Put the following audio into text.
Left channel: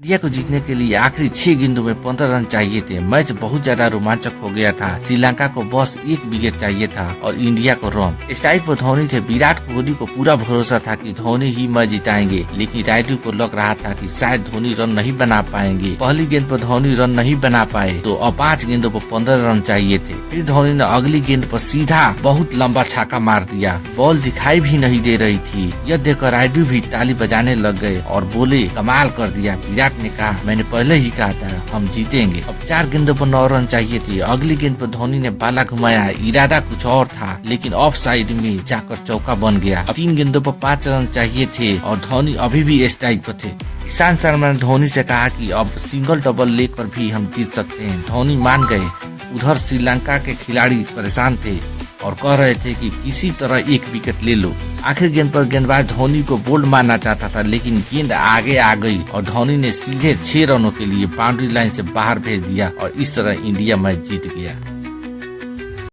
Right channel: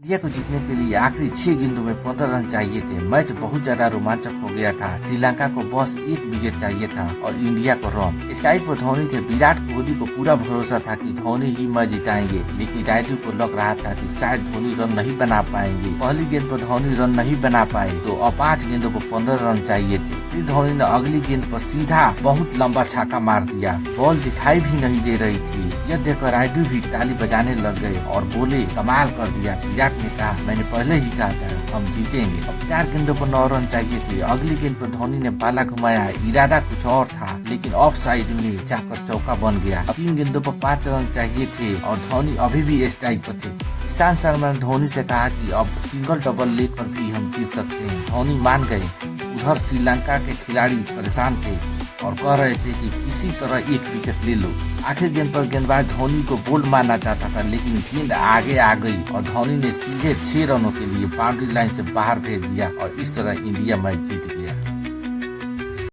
India को जीतने के लिए आखिरी 6 गेंदों में 15 रन चाहिए थे। मैच बहुत ज्यादा रोमांचक हो गया था। श्रीलंका को बस 1 विकेट चाहिए था और इंडिया को रन। स्ट्राइक पर धोनी थे। विराट कोहली को पूरा भरोसा था कि धोनी ही मैच जिताएंगे, लेकिन रायडू को लग रहा था कि शायद धोनी रन नहीं बना पाएंगे। पहली गेंद पर धोनी रन नहीं बना पाए तो अब 5 गेंदों पर 15 रन चाहिए थे। फिर धोनी ने अगली गेंद पर सीधा बहुत लंबा छक्का मार दिया। बॉल दिखाई भी नहीं दे रही थी। यह देखकर रायडू भी ताली बजाने लग गए और बोले, कमाल कर दिया। विराट ने कहा, मैंने पहले ही कहा था हम जीतेंगे। अब 4 गेंदों पर 9 रन चाहिए थे। अगली गेंद पर धोनी ने बाला घुमाया। इरादा कुछ और था, लेकिन ऑफ साइड में जाकर चौका बन गया। 3 गेंदों पर 5 रन चाहिए थे और धोनी अभी भी स्ट्राइक पर थे। ईशांत शर्मा ने धोनी से कहा कि अब सिंगल डबल लेकर भी हम जीत सकते हैं। धोनी मान गए। उधर श्रीलंका के खिलाड़ी परेशान थे और कह रहे थे कि किसी तरह 1 विकेट ले लो। आखिर गेंद पर गेंदबाज धोनी को बोल्ड मारना चाहता था, लेकिन गेंद आगे आ गई और धोनी ने सीधे 6 रनों के लिए बाउंड्री लाइन से बाहर भेज दिया और इस तरह इंडिया मैच जीत गया।